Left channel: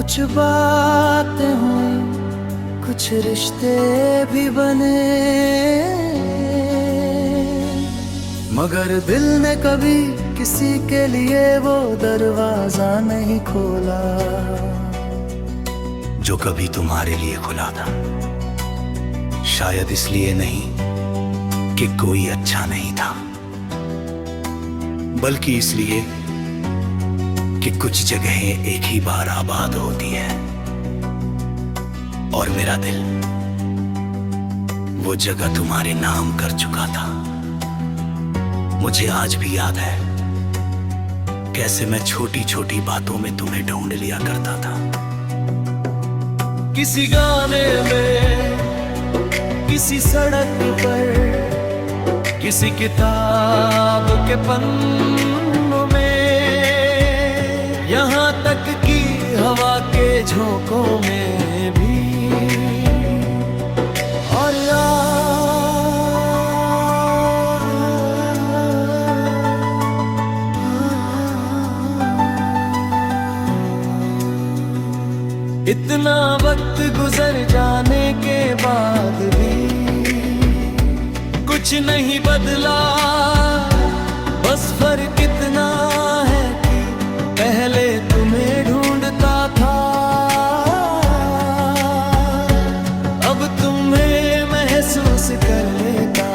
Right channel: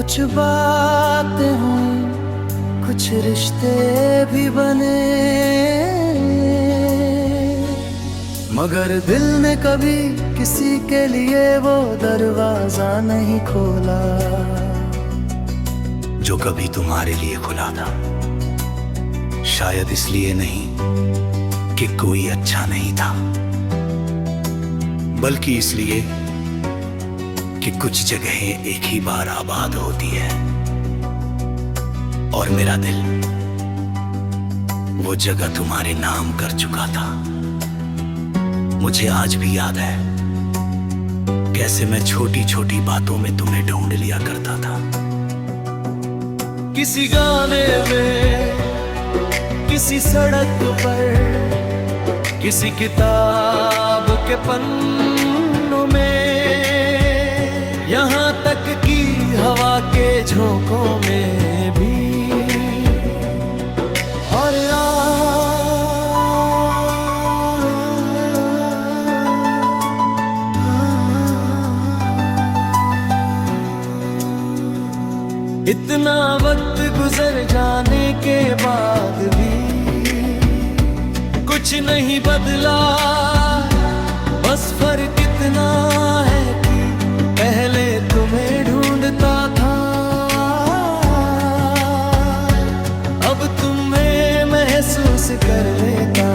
कुछ बातें हुई, कुछ रिश्ते भी बने, मगर दिल ने कभी किसी के लिए वो दरवाजा नहीं खोला जो कभी तुम्हारे लिए खुला था। शायद इसलिए नहीं कि कोई अच्छा नहीं था, बल्कि इसलिए कि कुछ जगहें एक ही बार आबाद होती है। और मेरा दिल वो जगह तुम्हारे नाम कर चुका था। मुझे आज भी याद है कैसे मैं छोटी छोटी बातों में तुम्हें ढूंढ लिया करता था। किसी गाने में, किसी सड़क पर, किसी किताब के पन्नों में, यहाँ तक कि हवा के झोंकों में भी। और इतना वक्त गुजर जाने के बाद भी कुछ नहीं बदला। बस फर्क इतना है कि पहले तुम्हें ढूंढता था, अब तुम्हें महसूस कर लेता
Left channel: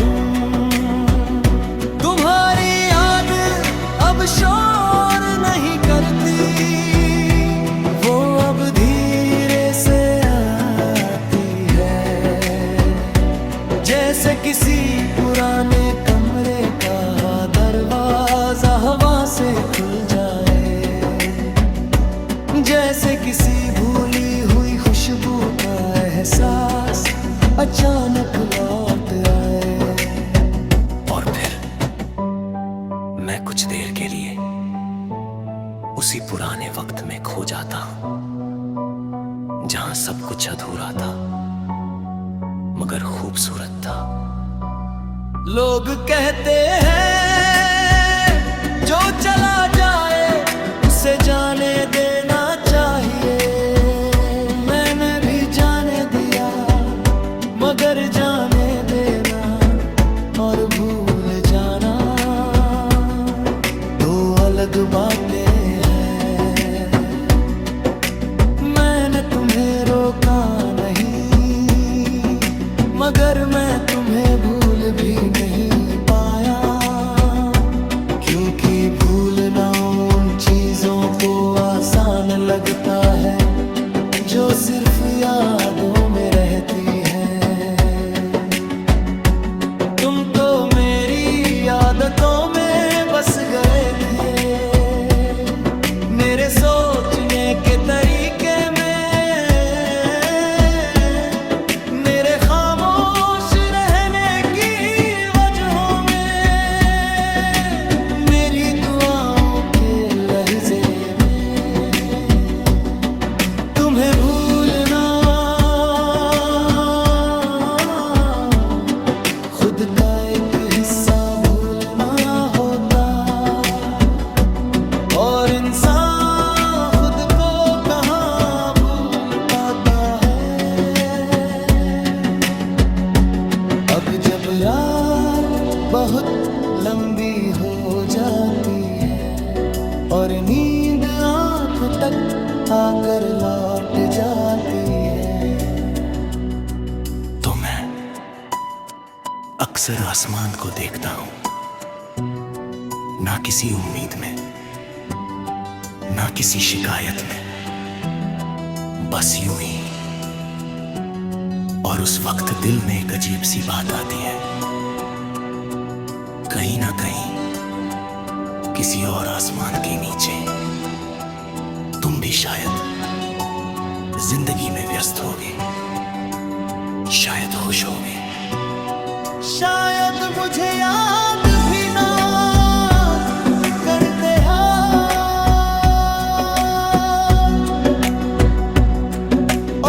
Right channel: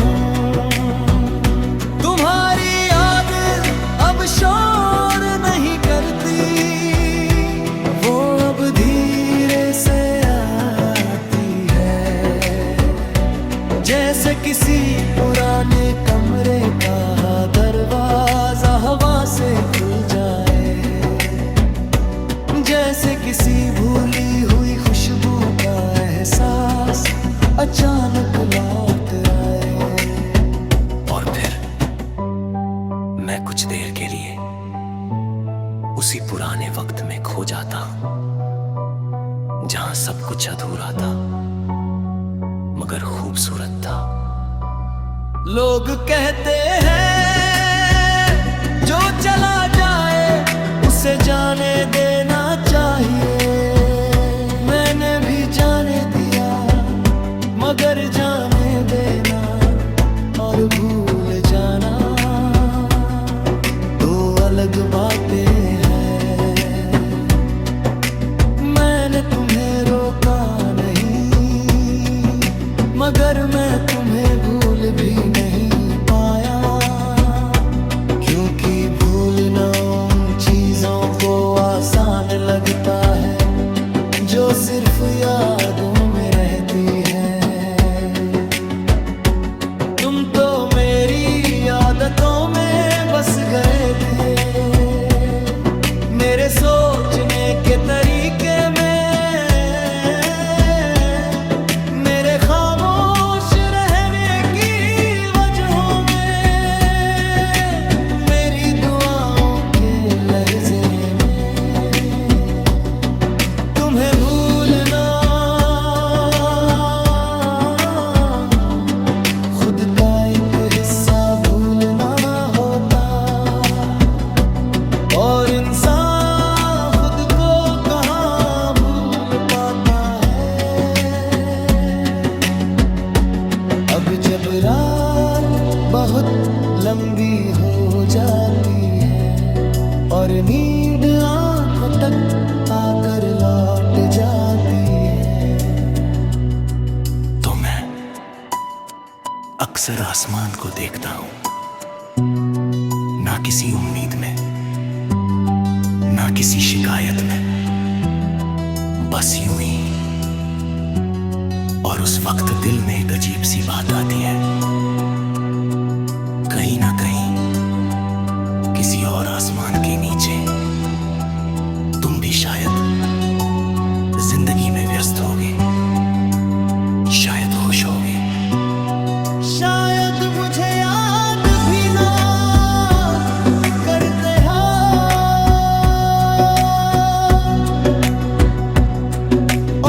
हूँ। तुम्हारी याद अब शोर नहीं करती, वो अब धीरे से आती है, जैसे किसी पुराने कमरे का दरवाजा हवा से खुल जाए, जैसे किसी भूली हुई खुशबू का एहसास अचानक लौट आए। और फिर मैं कुछ देर के लिए उसी पुराने वक्त में खो जाता हूं, जहां सब कुछ अधूरा था मगर खूबसूरत था। लोग कहते हैं जो चला जाए उसे जाने देना चाहिए। मैंने भी जाने दिया, मगर जाने देना और भूल जाना दो अलग बातें हैं। मैंने तुम्हें रोका नहीं, मगर मैं तुम्हें भूल भी नहीं पाया, क्योंकि भूलना उन चीजों को आसान लगता है जो सिर्फ यादों में रहती हैं। तुम तो मेरी आदतों में बस गए थे, मेरे सोचने के तरीके में, मेरे खामोश रहने की वजहों में, मेरी दुआओं के लहजे में। तुम्हें भूलना खुद का एक हिस्सा भूलना होता, और इंसान खुद को कहाँ भूल पाता है। अब जब रात बहुत लंबी हो जाती है और नींद आंखों तक आकर लौट जाती है, तो मैं अक्सर आसमान को देखता हूं, ना किसी उम्मीद में, ना किसी शिकायत में, बस यूं ही। और उस वक्त दिल में एक अजीब सी बात आती है, कहीं ना कहीं किसी और आसमान के नीचे तुम भी शायद जिंदगी में व्यस्त होगे, शायद खुश होगे, शायद मुझे याद भी ना करते हो।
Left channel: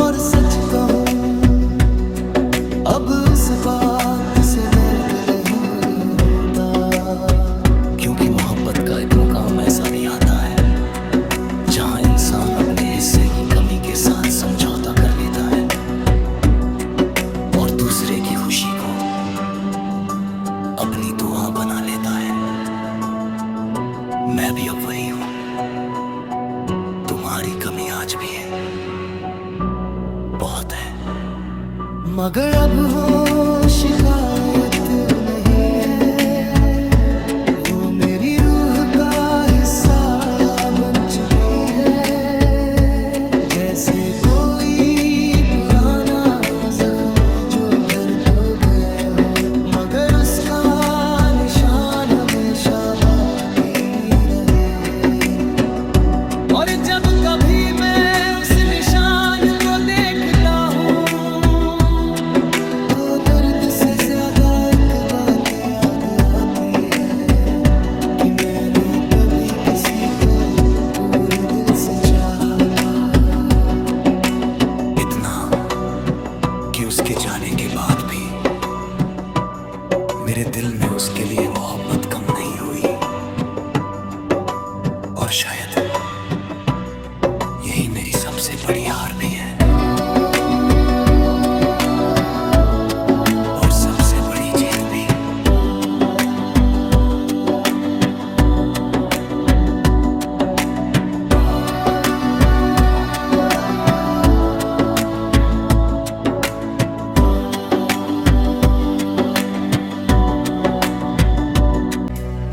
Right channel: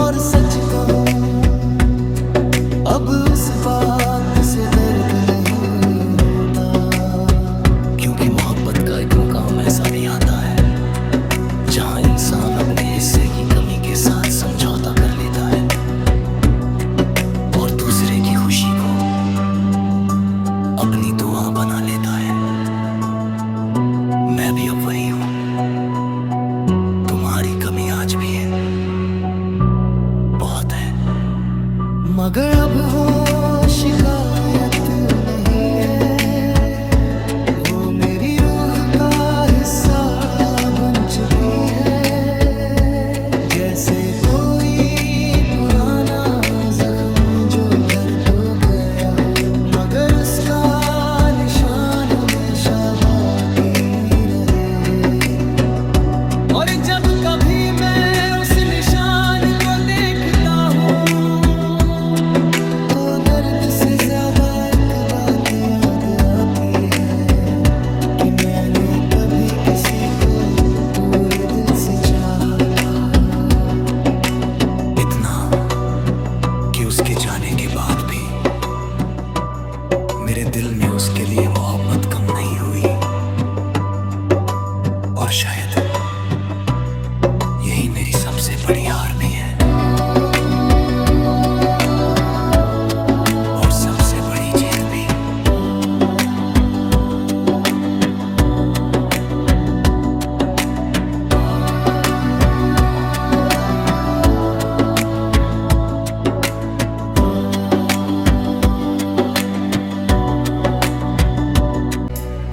और सच कहूं अब उस बात से दर्द नहीं होता, क्योंकि मोहब्बत का एक मुकाम ऐसा भी आता है जहां इंसान अपने हिस्से की कमी के साथ समझौता कर लेता है और दूसरे की खुशी को अपनी दुआ बना लेता है। मैं भी अब वही हूं। तुम्हारी कमी आज भी है, बहुत है, मगर अब वो शिकायत नहीं है, वो मेरी रूह का हिस्सा बन चुकी है। जैसे कोई पुराना जख्म जो भर तो गया हो, मगर उसका निशान हमेशा बाकी रहे। और जब कभी मैं उस निशान को देखता हूँ तो दर्द से ज्यादा एक बात याद आती है कि मैंने कभी किसी को पूरे दिल से चाहा था। इतना कि उसके जाने के बाद भी मेरे दिल में उसके लिए मोहब्बत कम नहीं हुई। और शायद यही मेरी सबसे बड़ी हार भी है और सबसे बड़ी जीत भी।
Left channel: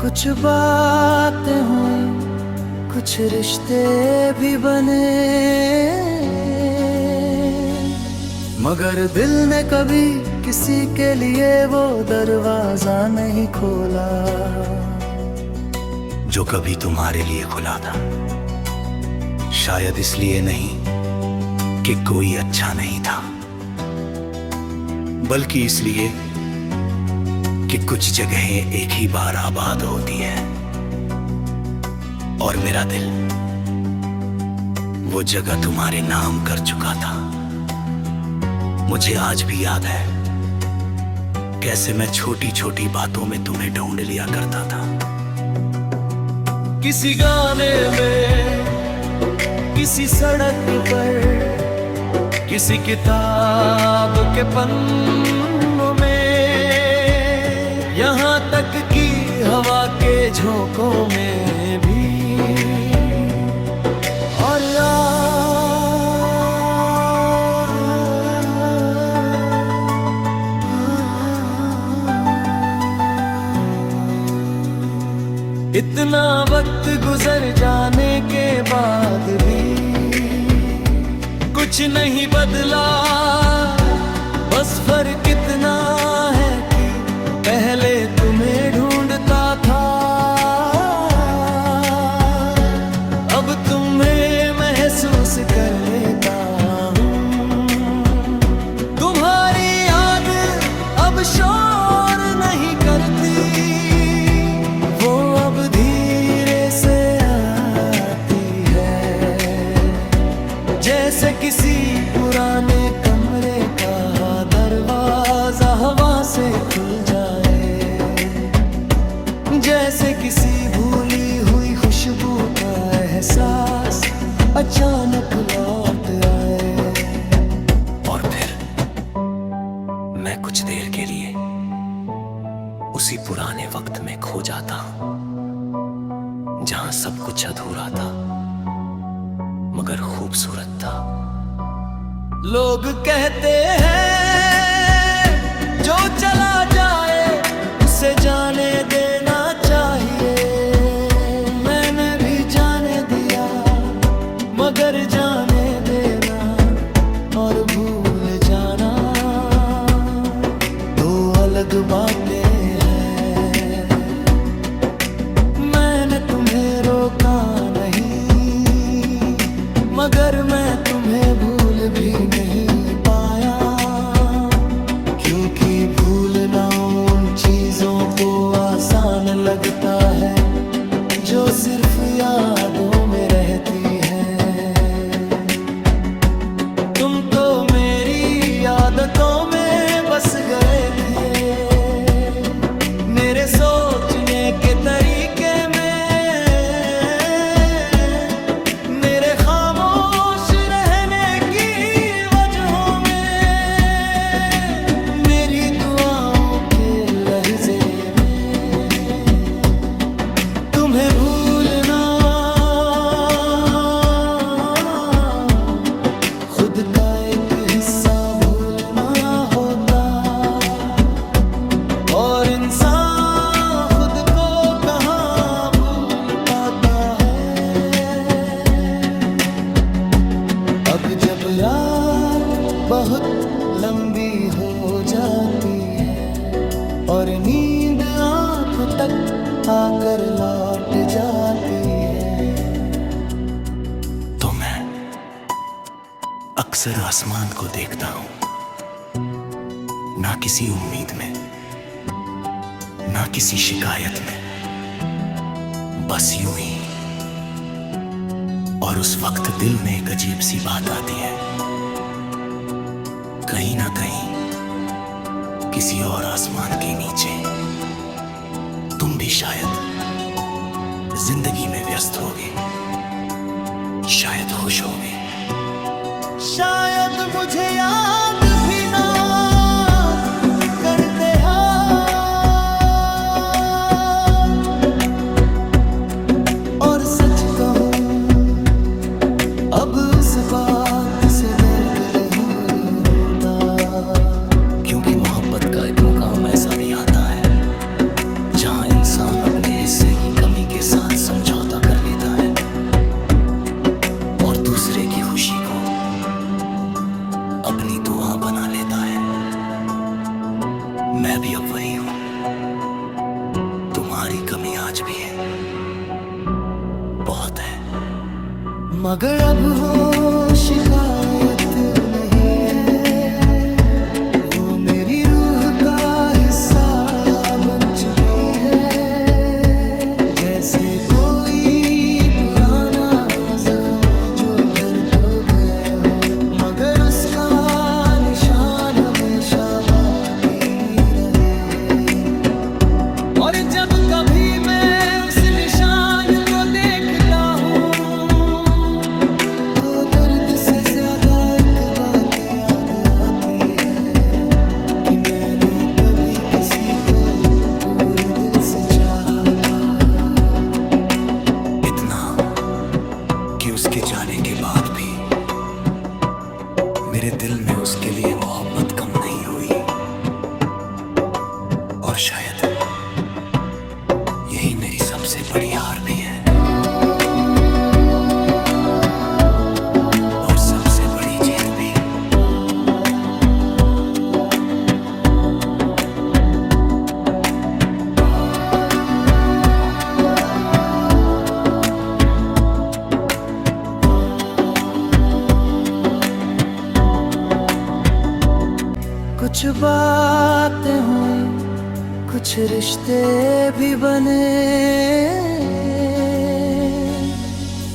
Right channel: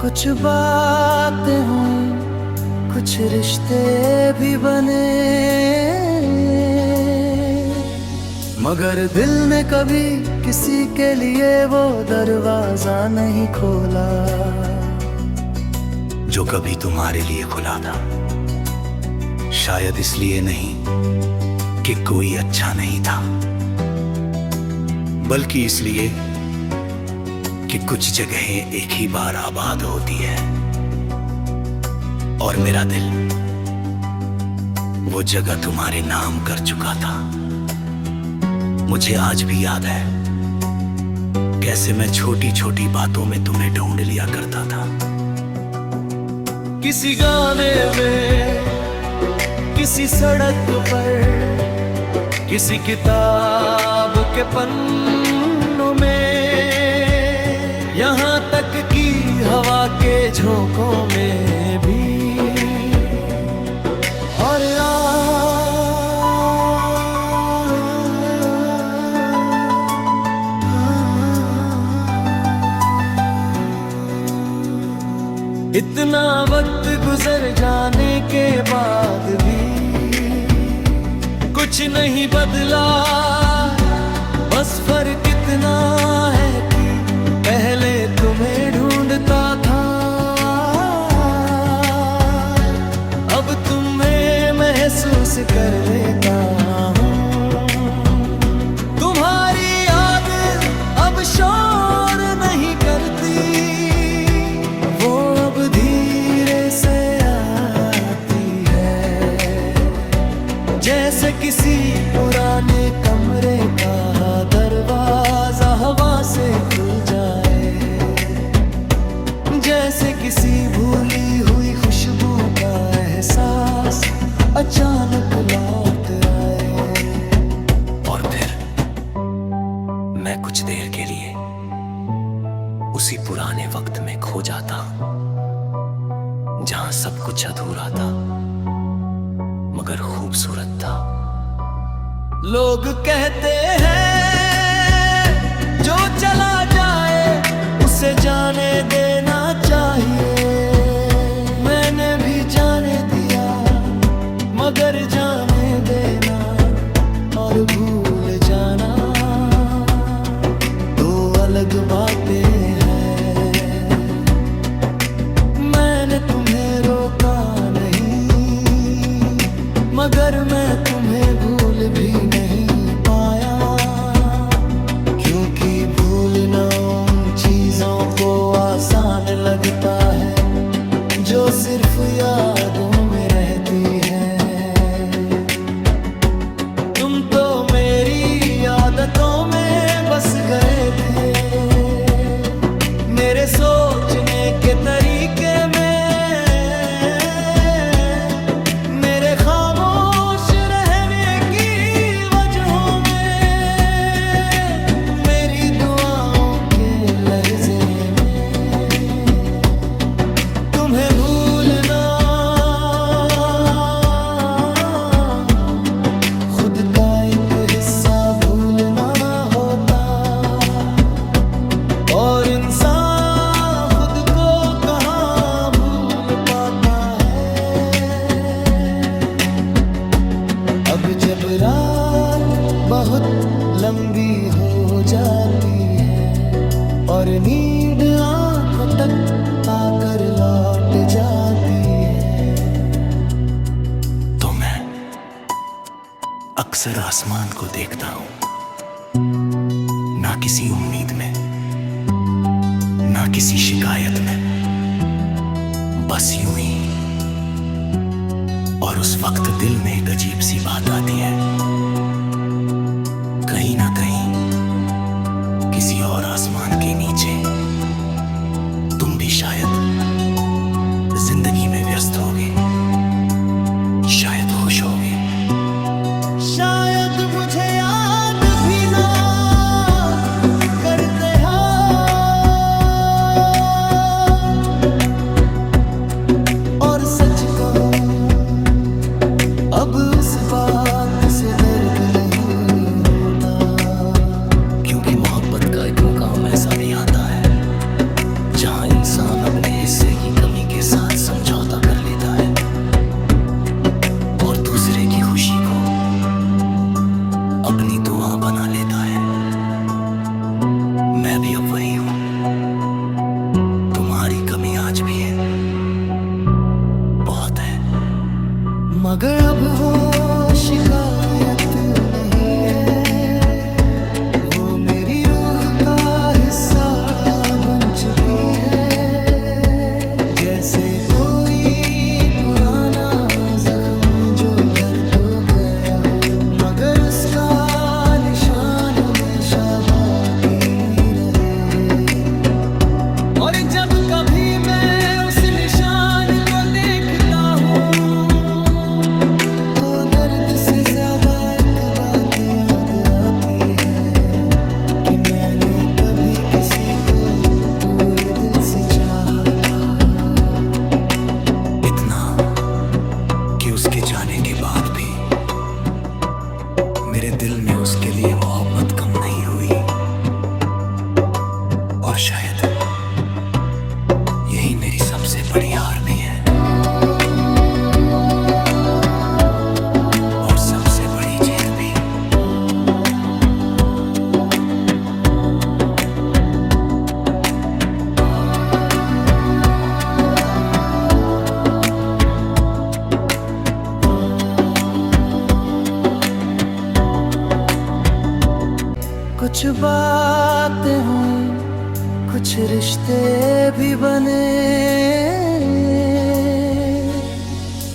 कुछ बातें हुई, कुछ रिश्ते भी बने, मगर दिल ने कभी किसी के लिए वो दरवाजा नहीं खोला जो कभी तुम्हारे लिए खुला था। शायद इसलिए नहीं कि कोई अच्छा नहीं था, बल्कि इसलिए कि कुछ जगहें एक ही बार आबाद होती है। और मेरा दिल वो जगह तुम्हारे नाम कर चुका था। मुझे आज भी याद है कैसे मैं छोटी छोटी बातों में तुम्हें ढूंढ लिया करता था। किसी गाने में, किसी सड़क पर, किसी किताब के पन्नों में, यहाँ तक कि हवा के झोंकों में भी। और इतना वक्त गुजर जाने के बाद भी कुछ नहीं बदला। बस फर्क इतना है कि पहले तुम्हें ढूंढता था, अब तुम्हें महसूस कर लेता हूँ। तुम्हारी याद अब शोर नहीं करती, वो अब धीरे से आती है, जैसे किसी पुराने कमरे का दरवाजा हवा से खुल जाए, जैसे किसी भूली हुई खुशबू का एहसास अचानक लौट आए। और फिर मैं कुछ देर के लिए उसी पुराने वक्त में खो जाता हूं, जहां सब कुछ अधूरा था मगर खूबसूरत था। लोग कहते हैं जो चला जाए उसे जाने देना चाहिए। मैंने भी जाने दिया, मगर जाने देना और भूल जाना दो अलग बातें हैं। मैंने तुम्हें रोका नहीं, मगर मैं तुम्हें भूल भी नहीं पाया, क्योंकि भूलना उन चीजों को आसान लगता है जो सिर्फ यादों में रहती है। तुम तो मेरी आदतों में बस गए थे, मेरे सोचने के तरीके में, मेरे खामोश रहने की वजहों में, मेरी दुआओं के लहजे में तुम्हें भूलना खुद का एक हिस्सा भूलना होता। और इंसान खुद को कहाँ भूल पाता है। अब जब रात बहुत लंबी हो जाती है और नींद आंखों तक आकर लौट जाती है, तो मैं अक्सर आसमान को देखता हूं, ना किसी उम्मीद में, ना किसी शिकायत में, बस यूं ही। और उस वक्त दिल में एक अजीब सी बात आती है, कहीं ना कहीं किसी और आसमान के नीचे तुम भी शायद जिंदगी में व्यस्त होगे, शायद खुश होगे, शायद मुझे याद भी ना करते हो। और सच कहूं अब उस बात से दर्द नहीं होता, क्योंकि मोहब्बत का एक मुकाम ऐसा भी आता है जहां इंसान अपने हिस्से की कमी के साथ समझौता कर लेता है और दूसरे की खुशी को अपनी दुआ बना लेता है। मैं भी अब वही हूं, तुम्हारी कमी आज भी है, बहुत है, मगर अब वो शिकायत नहीं है। वो मेरी रूह का हिस्सा बन चुकी है, जैसे कोई पुराना जख्म जो भर तो गया हो, मगर उसका निशान हमेशा बाकी रहे। और जब कभी मैं उस निशान को देखता हूँ तो दर्द से ज्यादा एक बात याद आती है कि मैंने कभी किसी को पूरे दिल से चाहा था, इतना कि उसके जाने के बाद भी मेरे दिल में उसके लिए मोहब्बत कम नहीं हुई। और शायद यही मेरी सबसे बड़ी हार भी है और सबसे बड़ी जीत भी। कुछ बातें हुई, कुछ रिश्ते भी बने,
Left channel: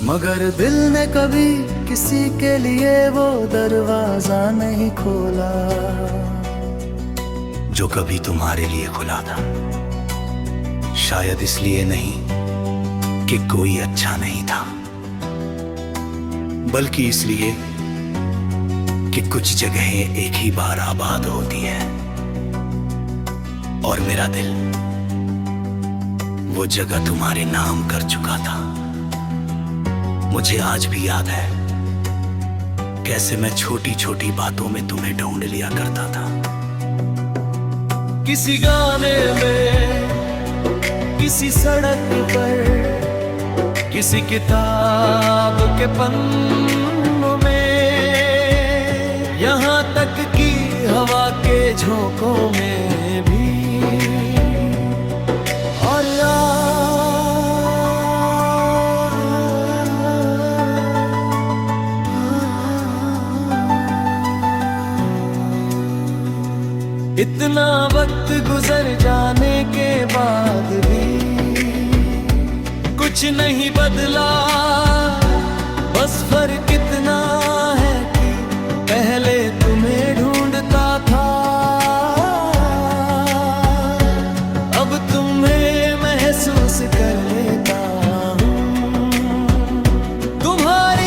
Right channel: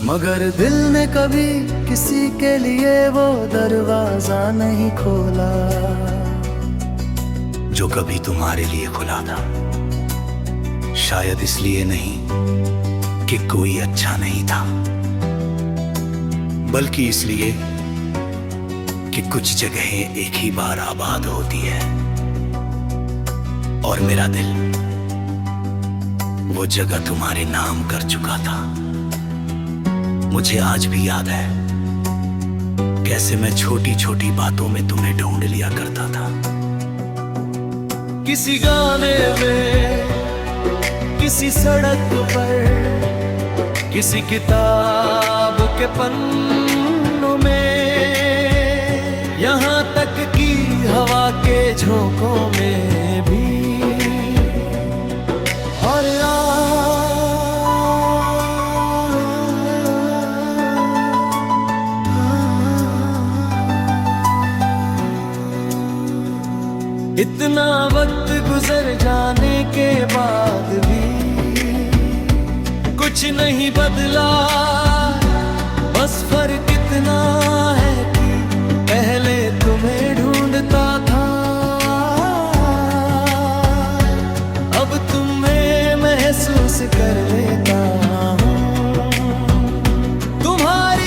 मगर दिल ने कभी किसी के लिए वो दरवाजा नहीं खोला जो कभी तुम्हारे लिए खुला था। शायद इसलिए नहीं कि कोई अच्छा नहीं था, बल्कि इसलिए कि कुछ जगहें एक ही बार आबाद होती है। और मेरा दिल वो जगह तुम्हारे नाम कर चुका था। मुझे आज भी याद है कैसे मैं छोटी छोटी बातों में तुम्हें ढूंढ लिया करता था। किसी गाने में, किसी सड़क पर, किसी किताब के पन्नों में, यहाँ तक कि हवा के झोंकों में भी। और इतना वक्त गुजर जाने के बाद भी कुछ नहीं बदला। बस फर्क इतना है कि पहले तुम्हें ढूंढता था, अब तुम्हें महसूस कर लेता हूँ। तुम्हारी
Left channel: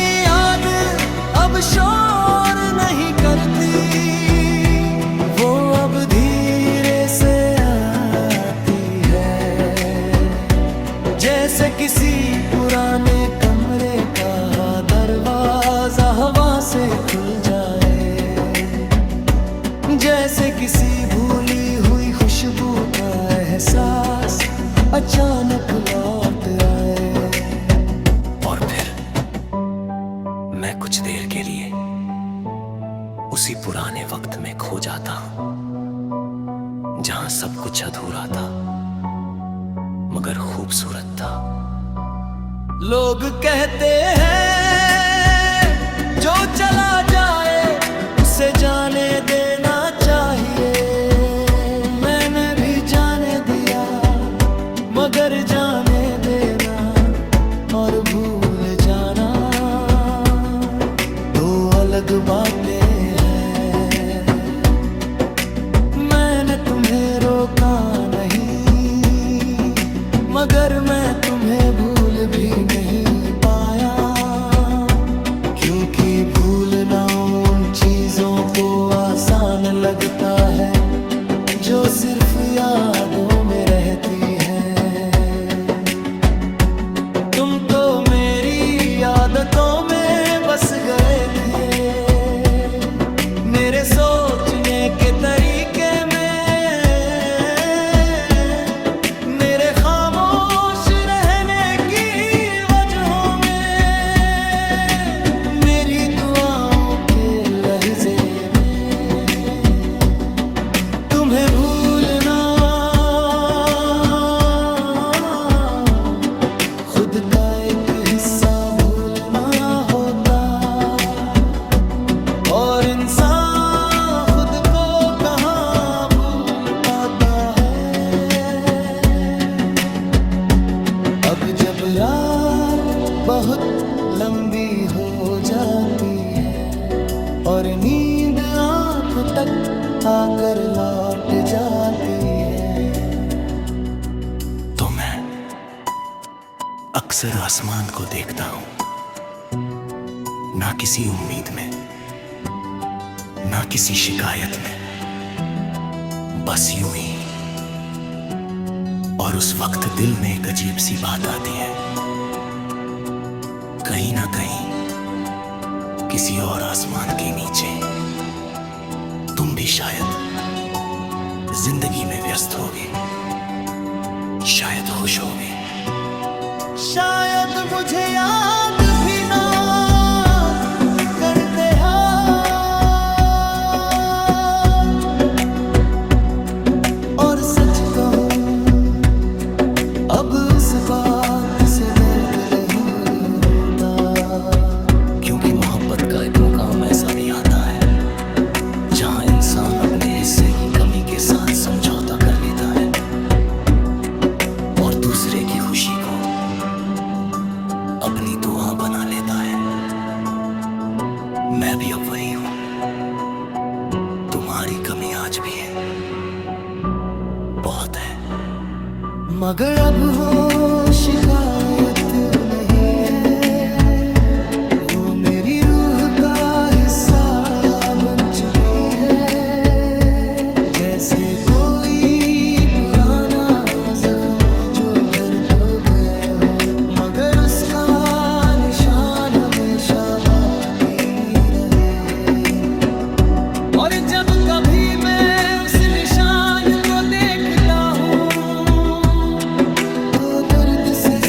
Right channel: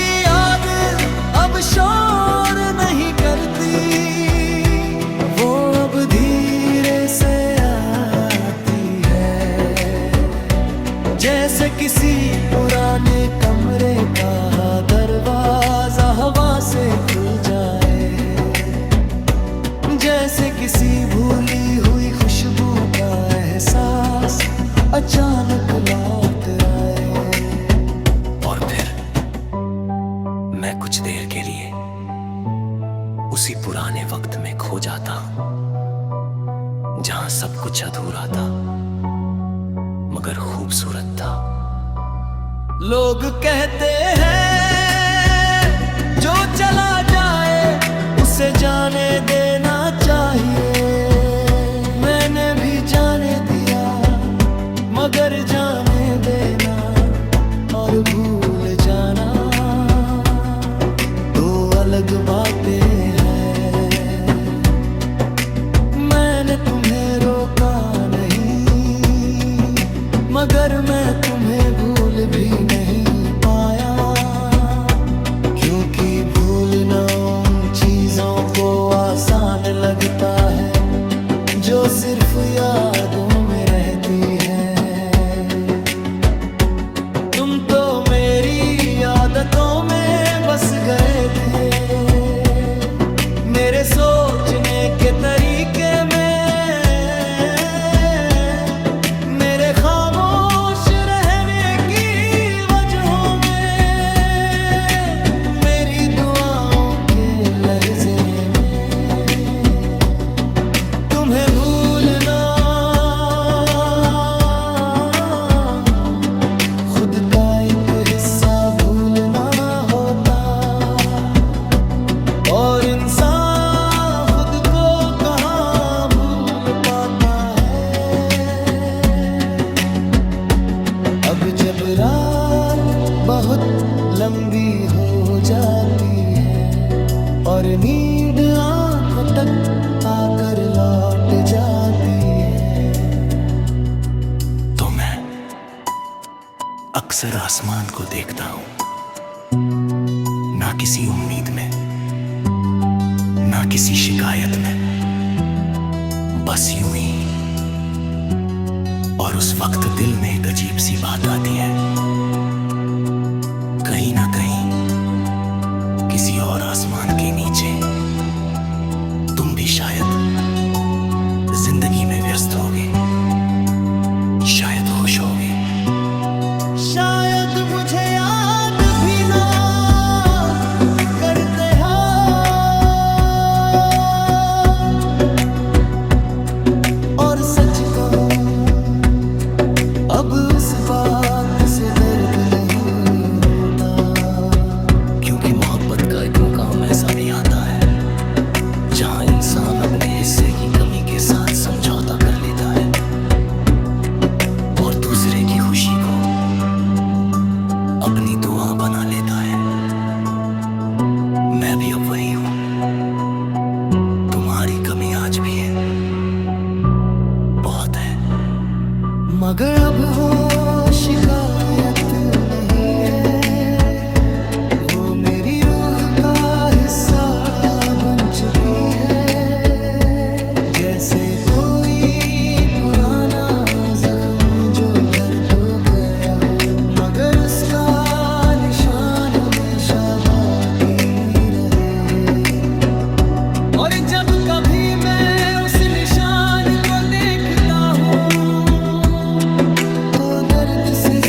अब शोर नहीं करती, वो अब धीरे से आती है, जैसे किसी पुराने कमरे का दरवाजा हवा से खुल जाए, जैसे किसी भूली हुई खुशबू का एहसास अचानक लौट आए। और फिर मैं कुछ देर के लिए उसी पुराने वक्त में खो जाता हूं, जहां सब कुछ अधूरा था मगर खूबसूरत था। लोग कहते हैं जो चला जाए उसे जाने देना चाहिए, मैंने भी जाने दिया मगर जाने देना और भूल जाना दो अलग बातें हैं। मैंने तुम्हें रोका नहीं मगर मैं तुम्हें भूल भी नहीं पाया, क्योंकि भूलना उन चीजों को आसान लगता है जो सिर्फ यादों में रहती है। तुम तो मेरी आदतों में बस गए थे, मेरे सोचने के तरीके में, मेरे खामोश रहने की वजहों में, मेरी दुआओं के लहजे में। तुम्हें भूलना खुद का एक हिस्सा भूलना होता, और इंसान खुद को कहाँ भूल पाता है। अब जब रात बहुत लंबी हो जाती है और नींद आंखों तक आकर लौट जाती है, तो मैं अक्सर आसमान को देखता हूं, ना किसी उम्मीद में, ना किसी शिकायत में, बस यूं ही। और उस वक्त दिल में एक अजीब सी बात आती है, कहीं ना कहीं किसी और आसमान के नीचे तुम भी शायद जिंदगी में व्यस्त होगे, शायद खुश होगे, शायद मुझे याद भी ना करते हो, और सच कहूं अब उस बात से दर्द नहीं होता, क्योंकि मोहब्बत का एक मुकाम ऐसा भी आता है जहां इंसान अपने हिस्से की कमी के साथ समझौता कर लेता है और दूसरे की खुशी को अपनी दुआ बना लेता है। मैं भी अब वही हूं, तुम्हारी कमी आज भी है, बहुत है, मगर अब वो शिकायत नहीं है, वो मेरी रूह का हिस्सा बन चुकी है, जैसे कोई पुराना जख्म जो भर तो गया हो मगर उसका निशान हमेशा बाकी रहे। और जब कभी मैं उस निशान को देखता हूँ तो दर्द से